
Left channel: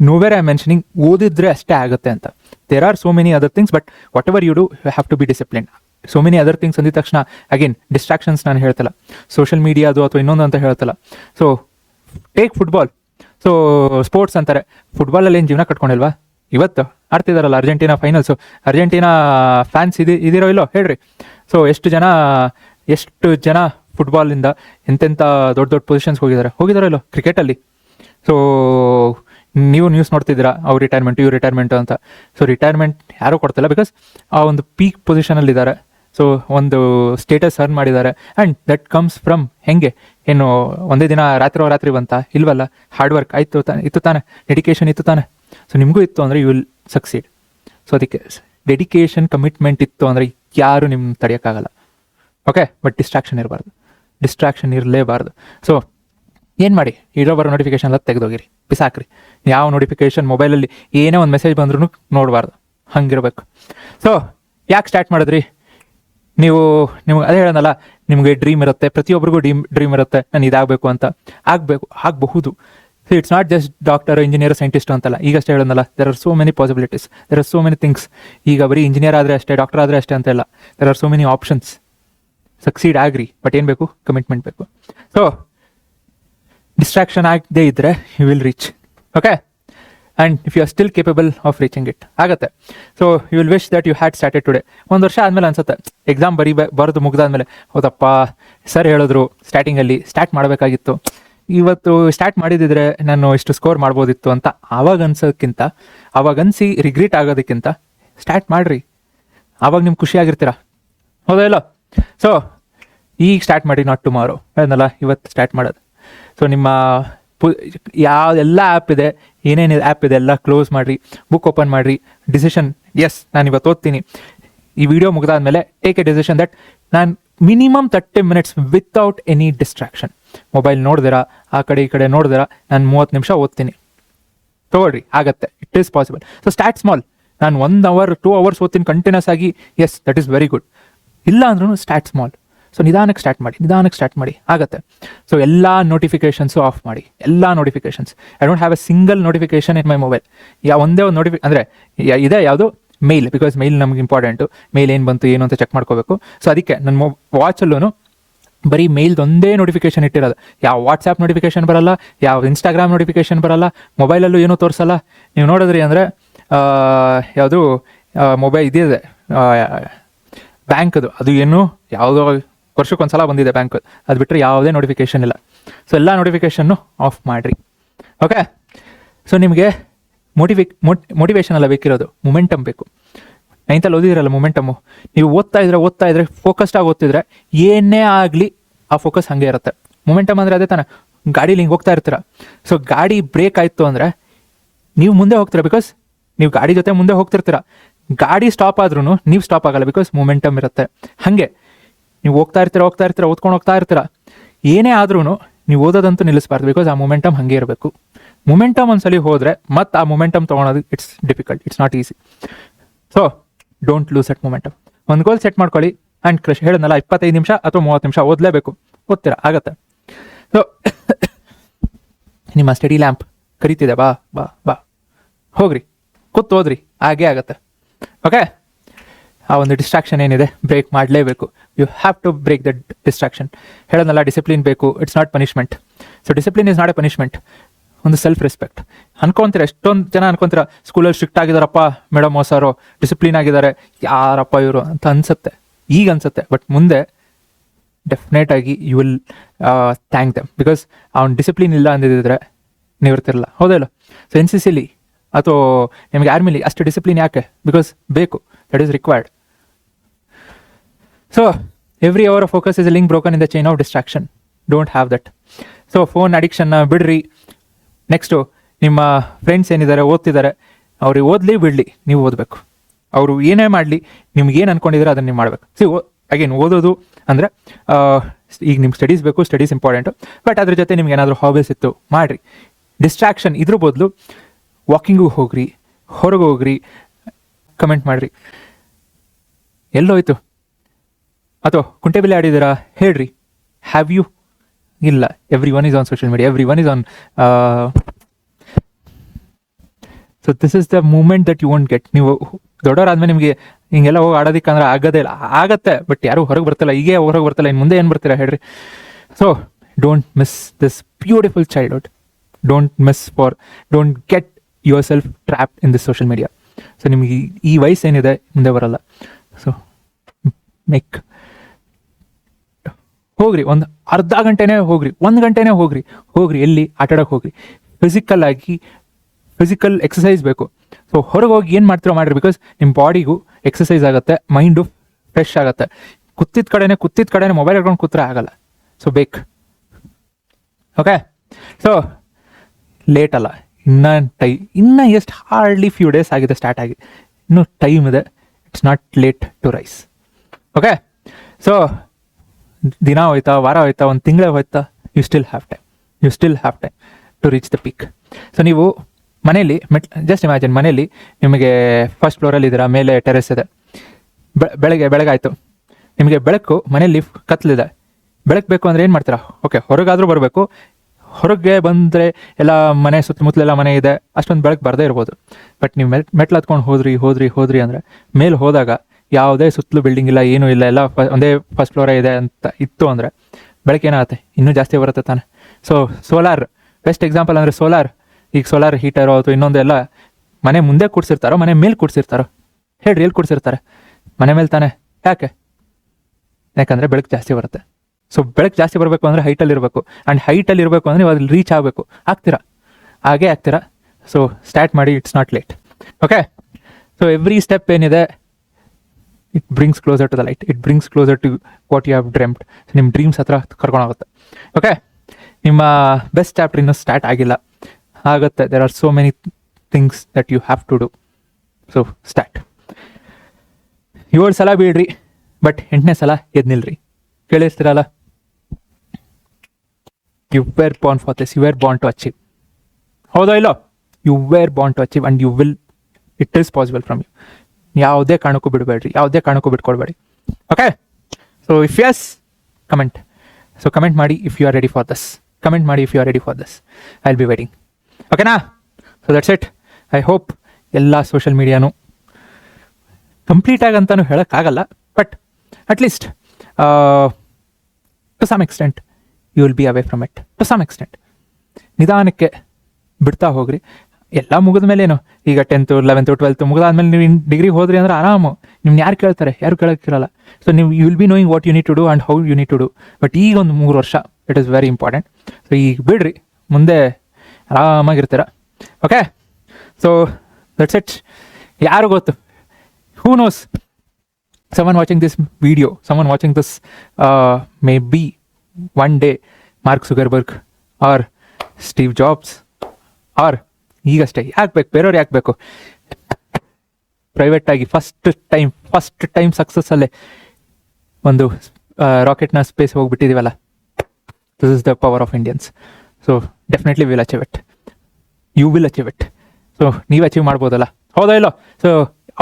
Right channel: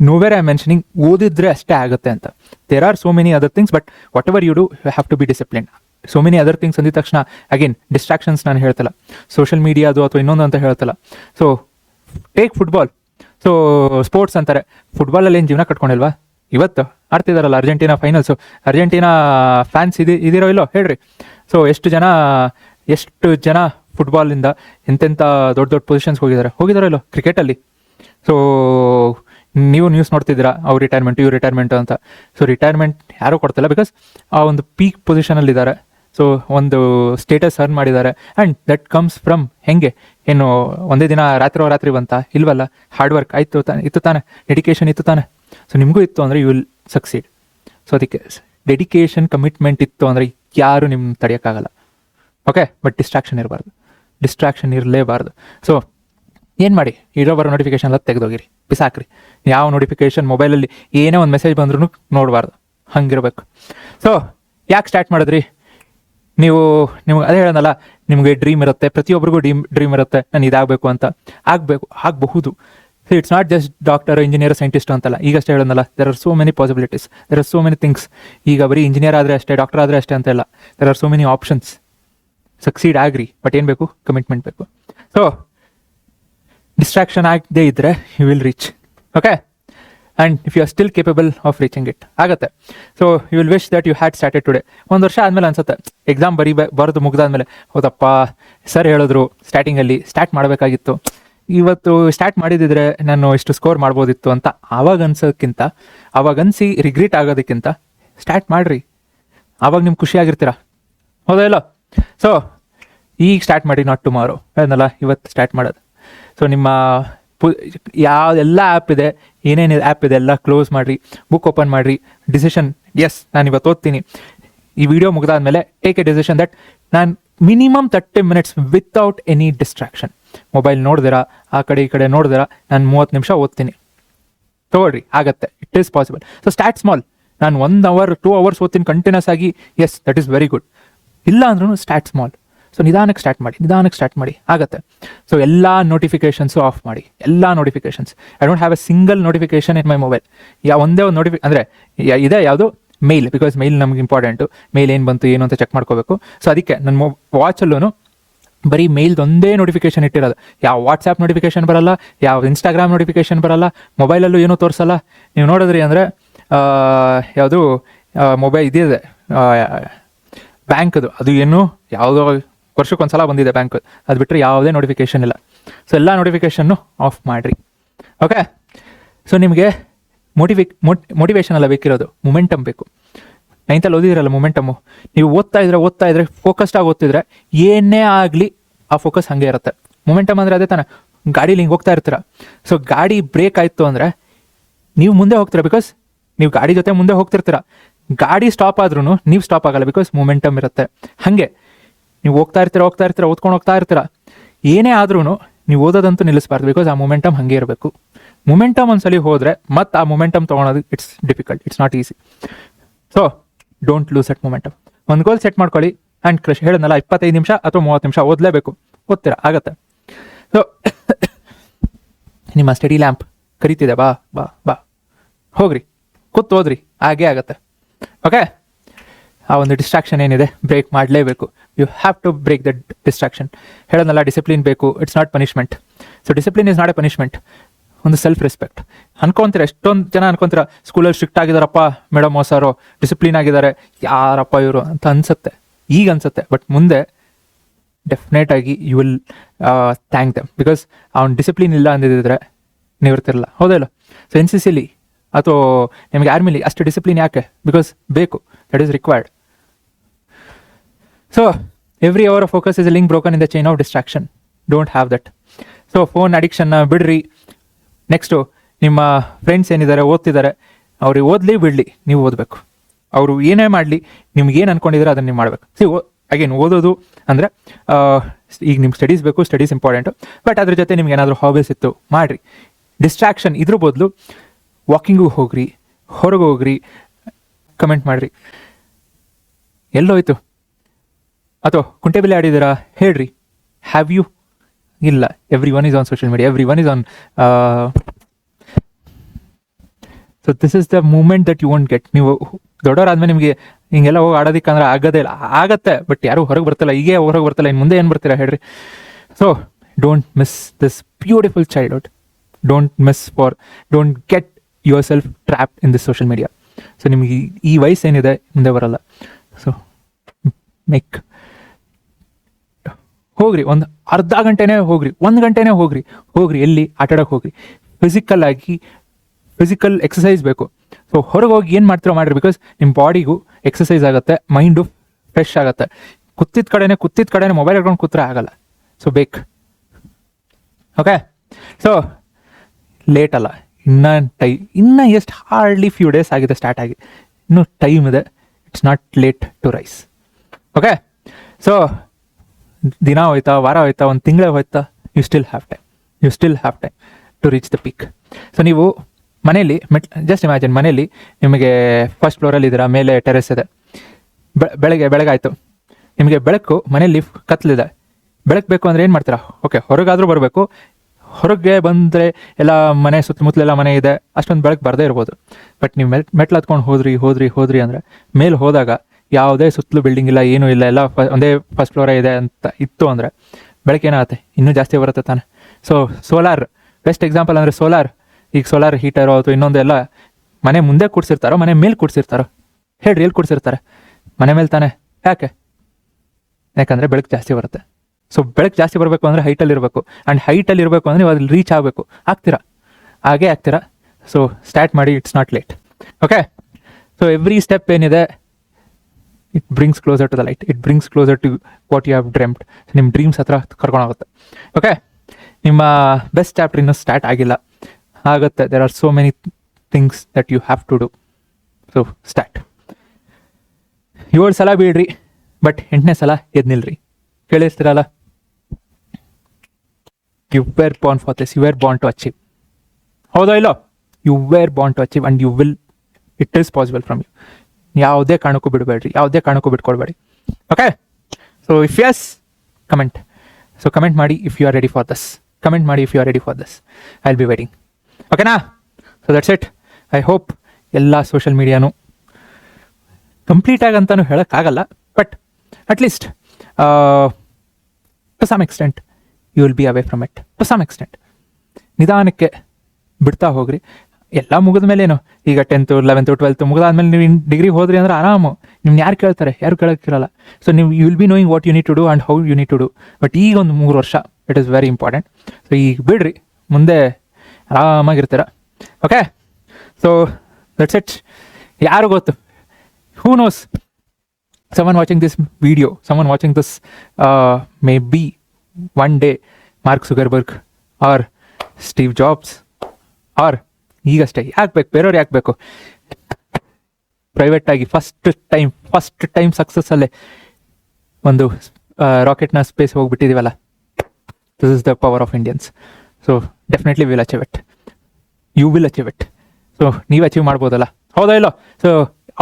ನೋವೇರ್ ಐ ಮೆನ್ಷನಿಂಗ್ ಓದಿದ್ರೆ ಅಷ್ಟೇ ಆಗುತ್ತೆ ಅಂತ. There are so many other things, but whatever you do you have to be discipline. So many other things ಅಂದಿದ ತಕ್ಷಣ ಅಗೇನ್ ಡಿಸ್ಟ್ರಾಕ್ಷನ್ಸ್ ನಾನು ಹೇಳ್ತಲ್ಲ, ಸೋಷಿಯಲ್ ಮೀಡಿಯಾದು ಅಥವಾ ಇನ್ನೊಂದು ಅಂತ ಹೇಳ್ತಲ್ಲ. So take football. So sports ಅಂತಾರೆ, ಫುಟ್ಬಾಲಲ್ಲಿ ಏನು ಜೀವನ ಕಟ್ಕೊಂಡಿಲ್ವಾ? ಇವತ್ತು ಆಡ್ತಿದಾರಲ್ಲ ಅರ್ಜೆಂಟೀನಾ ಫೈನಲ್ಸು. ಅರ್ಜೆಂಟೀನಾ ಫ್ಯಾನ್ಸ್ ಇದೀರೋ ಇಲ್ಲೋ ಹೇಳ್ರಿ. ಸೊ ಎಷ್ಟು ಜನ ಫುಟ್ಬಾಲಿಂದ ಎಂತೆಂಥ ದೊಡ್ಡ ಪೊಸಿಷನ್ಸ್ ಹೋಗಿದಾರೋ ಇಲ್ಲೋ ಕ್ರಿಕೆಟಲ್ಲಿ. ಸೊ ನೀವು ನ್ಯೂಸ್ ನೋಡ್ತಿದ್ದೀರಾ, ಅವ್ರು ರಿಟೈರ್ಮೆಂಟ್ ಅಂತ. ಸೊ ರಿಟೈರ್ಮೆಂಟ್ ಯಾರೂ ಕೊಡ್ತಿಲ್ಲ, ಬಿಕಾಸ್ ಆ ಒಂದು ಪೀಕ್ ಪೊಸಿಷನಲ್ಲಿ ಇದ್ದಾರೆ. ಸೊ ಒಂದು ಸ್ಟೇಟಸ್ ಅರ್ನ್ ಮಾಡಿದ್ದಾರೆ. ಆ್ಯಂಡ್ ದಟ್ ಕಮ್ಸ್ ಫ್ರಮ್ ಹೆಂಗೆ, ಏನು ಒಂದೇ ದಿನ ರಾತ್ರಿ ಬಂತ? ಇಲ್ವಲ್ಲ. ಹಾರ್ಡ್ ವರ್ಕ್ ಇತ್ತು ತಾನೆ, ಡೆಡಿಕೇಶನ್ ಇತ್ತು ತಾನೆ. ಸೊ ನಿಮಗೂ ಇತ್ತು ಅಂದರೆ ಯು ವಿಲ್ ಸಕ್ಸೀಡ್. ಸೊ ಅದಕ್ಕೆ ಡೆಡಿಕೇಶನ್, ಕಮಿಟ್ಮೆಂಟ್ ಇತ್ತು ಅಂದರೆ ಯಾರು ನಿಮ್ಗೆ ತಡೆಯೋಕ್ಕಾಗಲ್ಲ. ಓಕೆ, ಬಟ್ ಡಿಸ್ಟ್ರಾಕ್ಷನ್ ಇರಲೇಬಾರ್ದು. ಸೊ ಏನು ಮಾಡಿ, ಇರೋ ಬರೋ ನೋಟಿಫಿಕೇಶನ್ ಎಲ್ಲ ತೆಗೆದೋಗಿರಿ, ಬಿಸಾಕ್ರಿ. ಯಾವ ನೋಟಿಫಿಕೇಶನ್ ಮೊಬೈಲಲ್ಲಿ ಏನೇ ಒಂದು ಮೆಸೇಜ್ ಬಂದ್ರೂ ನೋಡಬಾರ್ದು, ಹಂಗಿರ್ಬೇಕು. ಸೊ ಯಾಕೆ ಸ್ಟಾರ್ಟ್ ಮಾಡಿದ್ರಿ ನೀವು ಅದೇ ಹೇಳೋದಲ್ಲ, ನಿಮಗೆ ಡ್ರೀಮ್ ಇರುತ್ತೆ, ಪ್ರತಿಯೊಬ್ಬರಿಗೂ ಡ್ರೀಮ್ ಇರುತ್ತೆ, ನಾನು ಇದಾಗಬೇಕು ಅಂತ. ಆಗಬಹುದು. So it's not just doctor engineer scientist ಅಂತಲ್ಲ, ಈಗ ಅಷ್ಟೇ ಹೇಳೋದಲ್ಲ, there are so many possibilities, there are so many things. ಈಗ ಬರೀ ಇಂಜಿನಿಯರ್ ಆದರೆ ಅಷ್ಟೇ, ಡಾಕ್ಟರ್ ಆದರೆ ಅಷ್ಟೇ ಅಂತ ಇಲ್ಲ, there are so many options. Succeed ಆಗ್ರಿ, ಬಟ್ ಏನು ಬೇಕು? ಕಮಿಟ್ಮೆಂಟ್ ಬೇಕು. ಸೊ ಡಿಸ್ಟ್ರಾಕ್ಷನ್ ಆಗದೆ ಇದ್ರೆ you will reach. Okay, and if you are still capable of reaching it, ಆಗುತ್ತೆ. So you will wish that you had started today. ಒಂದು ವರ್ಷ ಆದಮೇಲೆ ಅನ್ಸುತ್ತೆ, ಎಕ್ಸಾಮ್ ಬರೋದು ಮುಗಿದಾದ್ಮೇಲೆ, ಹೌದಪ್ಪ ಸರ್ ಹೇಳಿದ್ರು ಸ್ಟಾರ್ಟಿಂಗಲ್ಲಿ ಸ್ಟಾರ್ಟ್ ಮಾಡಬೇಕಾಗಿತ್ತು, ಇವತ್ತು ಸ್ಟಾರ್ಟ್ ಮಾಡಿದಿದ್ರೆ ನಾನು ಇಷ್ಟು ಸ್ಕೋರ್ ಮಾಡ್ಬೋದಿತ್ತು ಅಂತ ಆವಾಗ ಅನ್ಸೋಕ್ಕಿಂತ, ಅವಾಗ ಅನ್ಸಿ ರಿಗ್ರೆಟ್ ಆಗೋದಕ್ಕಿಂತ ಸ್ಟಾರ್ಟ್ ಮಾಡ್ರಿ, ಆವಾಗ ನಿಮ್ಗೆ ಖುಷಿ ಆಗಿರ್ತೀರ, ಹೌದಲ್ಲ? ಸೊ ಈಗ ಸ್ಟಾರ್ಟ್ ಮಾಡಿ, ನಾಟ್ ಟುಮಾರೋ. ಹೇಳೋದಲ್ಲ, ಇವತ್ತು ಸ್ಟಾರ್ಟ್ ಮಾಡೋದು. ಸೊ ನಿಮ್ಮ ಯಾವ್ದೆಲ್ಲ ಆ್ಯಪ್ ಇದೆ, ಏನೇನು ಆ್ಯಪ್ ಇದೆ ಎಲ್ಲ ಕ್ಲೋಸ್ ಮಾಡಿರಿ, ಬುಕ್ ಓಪನ್ ಮಾಡಿರಿ, ಡಿಸಿಷನ್, ಎಸ್ ನಾನು ಇವತ್ತು ಓದ್ತೀನಿ. ಈ ವಿಡಿಯೋ ಮುಗಿದಾದ್ಮೇಲೆ ಟೇಕ್ ಎ ಡಿಸಿಷನ್ ದಟ್ ನಾನು minimum 30 minutes without any distraction, mobile ನೋಡ್ದಿರಾ, ಆ ಕಡೆ ಈ ಕಡೆ ನೋಡ್ದಿರಾ, ನಾನು 30 ನಿಮಿಷ ಓದ್ತೀನಿ. ತಗೊಳ್ರಿ, ಆಗುತ್ತೆ, it is possible. So start small. ನಾನು 1 hour 2 hours ಓದ್ತೀನಿ ಕಂಟಿನ್ಯೂಸ್ ಆಗಿ, yes that is very good. ಇಲ್ಲ ಅಂದ್ರೂ ಸ್ಟಾರ್ಟ್ ಸ್ಮಾಲ್. ಸೊ ನಿಧಾನಕ್ಕೆ ಸ್ಟಾರ್ಟ್ ಮಾಡಿ, ಆಗುತ್ತೆ. ಸೊ ಎಲ್ಲ ನೋಟಿಫಿಕೇಶನ್ಸು ಆಫ್ ಮಾಡಿ, ಎಲ್ಲ notifications. I don't have A single notification in my mobile. ಒಂದೇ ಒಂದು ಅಂದರೆ ಇದೆ, ಯಾವುದು? ಮೇಲ್, ಬಿಕಾಸ್ ಮೇಲ್ ನಮ್ಗೆ ಇಂಪಾರ್ಟೆಂಟು. ಮೇಲ್ ಏನು ಬಂತು ಏನು ಅಂತ ಚೆಕ್ ಮಾಡ್ಕೋಬೇಕು. ಸೊ ಅದಕ್ಕೆ ನನ್ನ ವಾಚಲ್ಲೂ ಬರೀ ಮೇಲ್ದು ಒಂದೇ ನೋಟಿಫಿಕೇಶನ್ ಇಟ್ಟಿರೋದು. ಯಾವ ವಾಟ್ಸ್ಆ್ಯಪ್ ನೋಟಿಫಿಕೇಶನ್ ಬರಲ್ಲ, ಯಾವ ಇನ್ಸ್ಟಾಗ್ರಾಮ್ ನೋಟಿಫಿಕೇಶನ್ ಬರಲ್ಲ, ಮೊಬೈಲಲ್ಲೂ ಏನೂ ತೋರಿಸಲ್ಲ. ನೀವು ನೋಡಿದ್ರಿ ಅಂದರೆ ಯಾವುದು ಮೊಬೈಲ್ ಇದಿದೆ ಬ್ಯಾಂಕದು, ಅದು ಏನು ಯಾವುದೋ ವರ್ಷಕ್ಕೊಂದ್ಸಲ ಬಂದಿದೆ ಬ್ಯಾಂಕ್, ಅದು ಬಿಟ್ಟರೆ ಯಾವುದೇ ನೋಟಿಫಿಕೇಶನ್ ಇಲ್ಲ. ಸೊ ಎಲ್ಲ ನೋಟಿಫಿಕೇಶನ್ನು ಆಫ್ ಮಾಡಿರಿ. ಓಕೆ, ಸೊ ನಿಮಗೆ ಮೋಟಿವೇಶನ್ ಎಲ್ಲ ಬೇಕಿರೋದು, ಮೊಮೆಂಟಮ್ ಬೇಕು. 9th ಓದಿದಿರಲ್ಲ ಮೊಮೆಂಟಮ್ಮು, ನೀವು ಓದ್ತಾ ಇದ್ರೆ ಫೋಕಸ್ಡ್ ಆಗಿ ಓದ್ತಿದ್ರೆ ಏನೇ ಆಗಲಿ ಆ ಫೋಕಸ್ ಹಾಗೆ ಇರುತ್ತೆ. ಮೊಮೆಂಟಮ್ ಅಂದರೆ ಅದೇ ತಾನೆ, ಗಾಡೀಲಿ ಹಿಂಗೆ ಹೋಗ್ತಾ ಇರ್ತೀರ. ಸೊ ಗಾಡಿ ಬ್ರೇಕ್ ಆಯಿತು ಅಂದರೆ ನೀವು ಮುಂದೆ ಹೋಗ್ತೀರಾ, ಬಿಕಾಸ್ ನೀವು ಗಾಡಿ ಜೊತೆ ಮುಂದೆ ಹೋಗ್ತಿರ್ತೀರ. ಗಾಡಿ ಸ್ಟಾಪ್ ಆದ್ರೂ ನೀವು ಸ್ಟಾಪ್ ಆಗಲ್ಲ, ಬಿಕಾಸ್ ಮೊಮೆಂಟಮ್ ಇರುತ್ತೆ. ಹಾಗೆ ನೀವು ಹೋಗ್ತಾ ಇರ್ತೀರ ಓದ್ಕೊಂಡು ಹೋಗ್ತಾ ಇರ್ತೀರ. ಏನೇ ಆದ್ರೂ ನೀವು ಓದೋದಂತೂ ನಿಲ್ಲಿಸಬಾರ್ದು, ಬಿಕಾಸ್ ಆ ಮೊಮೆಂಟಮ್ ಹಾಗೆ ಇರಬೇಕು. ಮೊಮೆಂಟಮ್ ಒಂದ್ಸಲಿ ಹೋದ್ರೆ ಮತ್ತೆ ಆ ಮೊಮೆಂಟಮ್ ತೊಗೊಳೋದು it's difficult, it's not easy. So don't lose that momentum. ಒಂದು ಗೋಲ್ ಸೆಟ್ ಮಾಡ್ಕೊಳ್ಳಿ. ಆ್ಯಂಡ್ ಕೃಷಿ ಹೇಳಿದ್ನಲ್ಲ, 25 ನಿಮಿಷ ಅಥವಾ 30 ನಿಮಿಷ ಓದಲೇಬೇಕು, ಓದ್ತೀರಾ, ಆಗತ್ತೆ. ಸೊ ನಿಮ್ಮ ಸ್ಟಡಿ ಲ್ಯಾಂಪ್ ಕರಿತಿದೆ, ಬಾ ಬಾ ಬಾ ಹೋಗ್ರಿ, ಕೂತ್ ಹೋದ್ರಿ, ಹಾಗೆ ಆಗತ್ತೆ. ಓಕೆ, ಆ ಒಂದು ಡಿಸ್ಟ್ರಾಕ್ಷನ್ ಏನಿದೆ ಬ್ರೇಕ್ ಮಾಡಲೇಬೇಕು. You have to break the distraction. ಹೇಳೋದಲ್ಲ, ಡಿಸಿಪ್ಲಿನ್ ಬೇಕು, it's not punishment. So discipline is not a punishment, ಒಂದು ಸೆಲ್ಫ್ ರೆಸ್ಪೆಕ್ಟ್. ಅನ್ಕೊಂತೀರ, ಎಷ್ಟೊಂದು ಜನ ಅನ್ಕೊಂತೀರ ಸ್ಕೂಲಲ್ಲಿ ಸ್ಟ್ರಿಕ್ಟ್ ಆಗಿದಾರಪ್ಪ ಮೇಡಮ್ ಸಾರು, ಡಿಸಿಪ್ಲಿನ್ ಆಗಿದ್ದಾರೆ, ಯಾರಪ್ಪ ಇವರು ಅಂತ ಅನ್ಸುತ್ತೆ, ಈಗ ಅನ್ಸುತ್ತೆ. ಬಟ್ ಮುಂದೆ ಡೆಫಿನೆಟ್ ಆಗಿ you will thank them, because ಅವ್ನು ಡಿಸಿಪ್ಲಿನ್ ಇಲ್ಲ ಅಂದಿದ್ರೆ ನೀವು ಇರ್ತಿರಲ್ಲ, ಹೌದಲ್ಲ? ಸೊ NCCಲಿ ಅಥವಾ ನಿಮಗೆ ಆರ್ಮಿಲಿ ಅಷ್ಟು ಡಿಸಿಪ್ಲಿನ್ ಯಾಕೆ? ಬಿಕಾಸ್ ಬೇಕು, that is required. So every hour focus is link broken in the chain of distraction. Don't have that. So phone ಅಡಿಕ್ಷನ್ನ ಬಿಡ್ರಿ. ನೆಕ್ಸ್ಟು, ನಿಮ್ಮ ಫ್ರೆಂಡ್ಸ್ ಏನಿದ್ದಾರೆ ಓದ್ತಿದ್ದಾರೆ, ಅವ್ರಿಗೆ ಓದಲಿ ಬಿಡಲಿ, ನೀವು ಓದಬೇಕು. ಅವರು ಏನೇ ಮಾಡಲಿ, ನಿಮ್ಗೆ ಏನು ಅನ್ಕೊಂಡಿದ್ರೆ ಅದನ್ನ ನೀವು ಮಾಡಬೇಕು. ಸಿ ಅಗೇನ್, ಓದೋದು ಅಂದರೆ ಈಗ ನಿಮ್ಗೆ ಸ್ಟಡೀಸ್ ಬೇಕು, ಸ್ಟಡೀಸ್ ಇಂಪಾರ್ಟೆಂಟು, ಬಟ್ ಅದ್ರ ಜೊತೆ ನಿಮ್ಗೆ ಏನಾದರೂ ಹಾಬೀಸ್ ಇತ್ತು ಮಾಡಿರಿ. ಡಿಸ್ಟ್ರಾಕ್ಷನ್ ಇದ್ರ ಬದಲು ವಾಕಿಂಗು ಹೋಗ್ರಿ, ಹೊರಗೆ ಹೋಗ್ರಿ, ಕಮೆಂಟ್ ಮಾಡಿರಿ. ಎಲ್ಲೋಯ್ತು? ಅಥವಾ ಕುಂಟೆಬಿಲ್ಲೆ ಆಡಿದ್ದೀರಾ? ಹೇಳ್ರಿ. Have you? ಇಲ್ಲ. Everyone is on social media, everyone is on. So this is the moment that you want get. ನೀವು ದೊಡ್ಡವರಾದ್ಮೇಲೆ ನಿಮಗೆ ಹಿಂಗೆಲ್ಲ ಹೋಗಿ ಆಡೋದಕ್ಕೆ ಅಂದ್ರೆ ಆಗೋದೇ ಇಲ್ಲ. ಆಗತ್ತೆ, ಬಟ್ ಯಾರು ಹೊರಗೆ ಬರ್ತಲ್ಲ. ಹೀಗೆ ಹೊರಗೆ ಬರ್ತಲ್ಲ, ಇನ್ನು ಮುಂದೆ ಏನು ಬರ್ತೀರಾ ಹೇಳ್ರಿ? So don't miss this beautiful childhood. Don't get your self trapped in this social media. So ನಿಮಗೆ ಈ ವಯಸ್ಸೇನಿದೆ ಮುಂದೆ ಬರಲ್ಲ. ಸೊ ಹೋಗ್ರಿ, ಒಂದು ಅರ್ಧ ಗಂಟೆನೇ ಹೋಗ್ರಿ, 1 ಗಂಟೆನೇ ಹೋಗ್ರಿ. ಎಲ್ಲಿ? ಆಟಾಡಕ್ಕೆ ಹೋಗ್ರಿ. ಫಿಸಿಕಲ್ ಎಕ್ಸಸೈಸ್ ಬೇಕು. ಸೊ ಹೊರಗೆ ಹೋಗಿ ಏನು ಮಾಡ್ತೀರೋ ಮಾಡಿರಿ, ಬಿಕಾಸ್ ನಿಮ್ಮ ಬಾಡಿಗೂ ಎಕ್ಸಸೈಸ್ ಆಗುತ್ತೆ, ಮೈಂಡು ಫ್ರೆಶ್ ಆಗುತ್ತೆ. ಕೂತಿದ್ದ ಕಡೆನೇ ಮೊಬೈಲ್ ಹಿಡ್ಕೊಂಡು ಕೂತ್ರೆ ಆಗಲ್ಲ. ಸೊ ಬೇಕು. ಓಕೆ, ಸೊ ಲೇಟ್ ಅಲ್ಲ, ಇನ್ನ ಎಷ್ಟು ಹಾರ್ಡ್ಲಿ ಫ್ಯೂ ಡೇಸ್ ಆಗಿದೆ ಸ್ಟಾರ್ಟ್ ಆಗಿ, ಇನ್ನೂ ಟೈಮ್ ಇದೆ. It's not late to rise. Okay, so ದಿನ ಹೋಯ್ತಾ, ವಾರ ಹೋಯ್ತಾ, 1 ತಿಂಗಳೇ ಹೋಯ್ತಾ, you still have time to reach the peak. So ನೀವು ಮನೇಲಿ ಜಸ್ಟ್ ಇಮ್ಯಾಜಿನ್, ಮನೇಲಿ ನಿಮಗೆ ಫಸ್ಟ್ ಫ್ಲೋರಲ್ಲಿ ಇದ್ದೀರಾ, ಮೇಲೆ ಟೆರೆಸ್ ಇದೆ, ಬೆಳಗಾಯ್ತು, ನಿಮಗೆ ಬೆಳಕು, ಮನೇಲಿ ಕತ್ಲಿದೆ, ಬೆಳಕು ಬೇಕು ಅಂದರೆ ಏನು ಮಾಡ್ತೀರಾ? ಓಕೆ, ಹೊರಗಾದ್ರೂ ಬರಬೇಕು. ಹೊರಗೆ ಬಂದರೆ ಎಲ್ಲ ಮನೆ ಸುತ್ತಮುತ್ತಲೆಲ್ಲ ಮನೆ ಇದೆ, ಇಷ್ಟೊಂದು ಬೆಳಕು ಬರದೇ ಇರ್ಬೋದು. ಬಟ್ ನೀವು ಮೆಟ್ಲು ಹತ್ಕೊಂಡು ಹೋದ್ರಿ ಅಂದರೆ ಮೇಲೆ ಹೋದಾಗ ಯಾವುದೇ ಸುತ್ತಲೂ ಬಿಲ್ಡಿಂಗ್ ಇಲ್ಲ, ಏನೂ ಇಲ್ಲ, ಎಲ್ಲ ಒಂದೇ ಫಸ್ಟ್ ಫ್ಲೋರೇ ಇದೆ ಅಂತ ಇತ್ತು ಅಂದರೆ ಬೆಳಕು ಏನಾಗುತ್ತೆ, ಇನ್ನೂ ಜಾಸ್ತಿ ಬರುತ್ತೆ ತಾನೆ. ಸೊ ಸೋಲಾರ್ ಬೆಸ್ಟ್ ಎಕ್ಸಾಂಪಲ್ ಅಂದರೆ ಸೋಲಾರ್. ಈಗ ಸೋಲಾರ್ ಹೀಟರು ಅಥವಾ ಇನ್ನೊಂದೆಲ್ಲ ಮನೆ ಮುಂದೆ ಕೂಡ್ಸಿರ್ತಾರೋ ಮನೆ ಮೇಲೆ ಕೂಡ್ಸಿರ್ತಾರೋ? ಹೇಳ್ರಿ, ಎಲ್ಲಿ ಕೂಡ್ಸಿರ್ತಾರೆ? ಮನೆ ಮೇಲೆ ತಾನೆ. ಯಾಕಂದರೆ ಬೆಳಕು ಜಾಸ್ತಿ ಬರುತ್ತೆ. ಸೊ ಬೆಳಕು ಜಾಸ್ತಿ ಬರಬೇಕು ಅಂದರೆ ಹೈಟಲ್ಲಿ ಇರಬೇಕು, ಆ್ಯಂಡ್ ಹೈಟಲ್ಲಿ ಇರಬೇಕು ಅಂದರೆ ಇವಾಗ ರೀಚ್ ಆಗಬೇಕು. ಆಗ್ತೀರಾ. ಸೊ ಸ್ಟಾರ್ಟ್ ಮಾಡಿ, it's not late. Okay, so every step ಏನಿದೆ, it brings closer to the light, it brings closer to what you have dreamed. ನಿಮ್ಮ ಡ್ರೀಮ್ಸ್ ಹತ್ರ ಕರ್ಕೊಂಡೋಗುತ್ತೆ. ಓಕೆ, ನಿಮ್ಮ ಬೆಸ್ಟ್ ಚಾಪ್ಟರ್ ಇನ್ನೂ ಸ್ಟಾರ್ಟ್ ಆಗಿಲ್ಲ, ಆಗುತ್ತೆ. There are so many things that you have to do. So start. 7 ಸಲ ಬೀಳ್ರಿ, but 8ನೇ ಸಲ ಎದ್ದು ನಿಲ್ರಿ. ಕೇಳಿಸ್ತಿರಲ್ಲ? You were born for this, you were born to achieve. ಹೌದೋ ಇಲ್ಲೋ? You were born to achieve and you will, it is possible from you. ಯಾವುದೇ ಕಾರಣಕ್ಕೂ ಬಿಡಬೇಡ್ರಿ, ಯಾವುದೇ ಕಾರಣಕ್ಕೂ ಬಿಟ್ಕೊಳ್ಬೇಡಿ. Okay, so if yes, comment. So comment ಮಾಡಿ if you are ready for this. Comment ಮಾಡಿ if you are ready for this. I will be waiting. ಓಕೆನಾ? So that's it. I hope ಎಲ್ಲ ಸೋಷಿಯಲ್ ಮೀಡಿಯಾನು ಕಂಪ್ಲೀಟಾಗಿ ಅಂತಲೂ ಹೇಳೋಕ್ಕಾಗಲ್ಲ, but at least to some extent you will be away from it. To some extent ನಿಧಾನಕ್ಕೆ ಬಿಡ್ತಾ ಹೋಗ್ರಿ. ಎಲ್ಲ ಮುಗಿದ ಮೇಲೇನು, ಈಗ 10th 11th 12th ಮುಗಿದಾದ್ಮೇಲೆ ನೀವು ಡಿಗ್ರಿ ಹೋದ್ರಿ ಅಂದ್ರೆ ಆರಾಮು. ನಿಮ್ನ ಯಾರು ಕೇಳ್ತಾರೆ? ಯಾರು ಕೇಳೋಕ್ಕಿರಲ್ಲ. ಸೊ ನೀವು you will be knowing what you need to do and how you need to do. But ಈಗ ಒಂದು 3 ವರ್ಷ it is very important. So ಈಗ ಬಿಡ್ರಿ, ಮುಂದೆ ಆರಾಮಾಗಿರ್ತಾರ. Okay, so that's it. ಯಾರು ಗೊತ್ತು, who knows, someone watching this video, someone watching this maybe one day Mark Zuckerberg or Steve Jobs or ಈಗಷ್ಟೇ ಯಾಕಬೇಕು, ಬೇರೆಯವ್ರು ಯಾಕಬೇಕು? ಪ್ರೈವೇಟ್ ಆಗಿ ಫಸ್ಟ್ ಟೈಮ್ ಸಕ್ಸಸ್ಸಲ್ಲೇ ಒಂದು ರಾಕೆಟ್ನ ಸ್ಪೇಸ್ ಹೋಗ್ಬಿಟ್ಟಿದ್ದೀವಲ್ಲ. This is the power of Indians. So definitely will achieve it. You will achieve it. So ನೀವು ಅಚೀವ್ ಮಾಡ್ಬೋದಲ್ಲ, ಹೌದಾ ಇಲ್ಲೋ? ಸೊ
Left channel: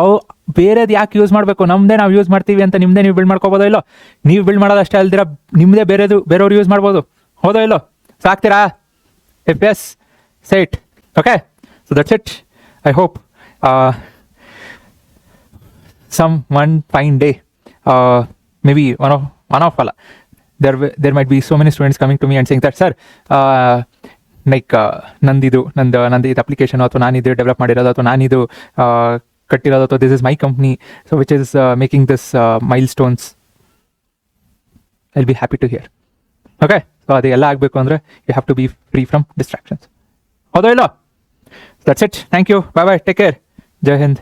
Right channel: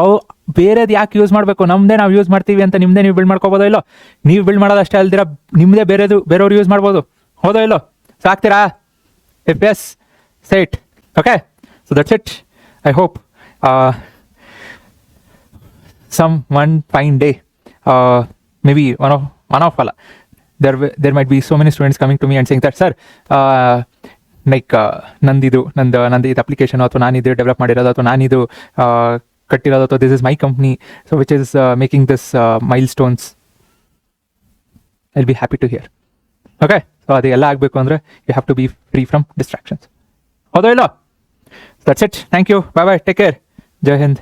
ಅವು ಬೇರೆದು ಯಾಕೆ ಯೂಸ್ ಮಾಡಬೇಕು? ನಮ್ಮದೇ ನಾವು ಯೂಸ್ ಮಾಡ್ತೀವಿ ಅಂತ ನಿಮ್ಮದೇ ನೀವು ಬಿಲ್ಡ್ ಮಾಡ್ಕೋಬೋದೋ ಇಲ್ಲೋ? ನೀವು ಬಿಲ್ಡ್ ಮಾಡೋದು ಅಷ್ಟೇ ಅಲ್ದಿರ ನಿಮ್ಮದೇ ಬೇರೆಯವ್ರು ಯೂಸ್ ಮಾಡ್ಬೋದು, ಹೌದಾ ಇಲ್ಲೋ? ಸೊ ಆಗ್ತೀರಾ? If yes, say it. Okay, so that's it. I hope one fine day, maybe one of all, there might be so many students coming to me and saying that, sir, ನಂದಿದು application ಅಥವಾ ನಾನಿದು develop ಮಾಡಿರೋದು ಅಥವಾ ನಾನಿದು ಕಟ್ಟಿರೋದು ಅಥವಾ this is my company, so which is making this milestones. I will be happy to hear. Okay, so ಅದೆಲ್ಲ ಆಗಬೇಕು ಅಂದರೆ you have to be free from distractions, ಹೌದಾ ಇಲ್ಲ? That's it. Thank you. Bye bye. Take care. Jai Hind.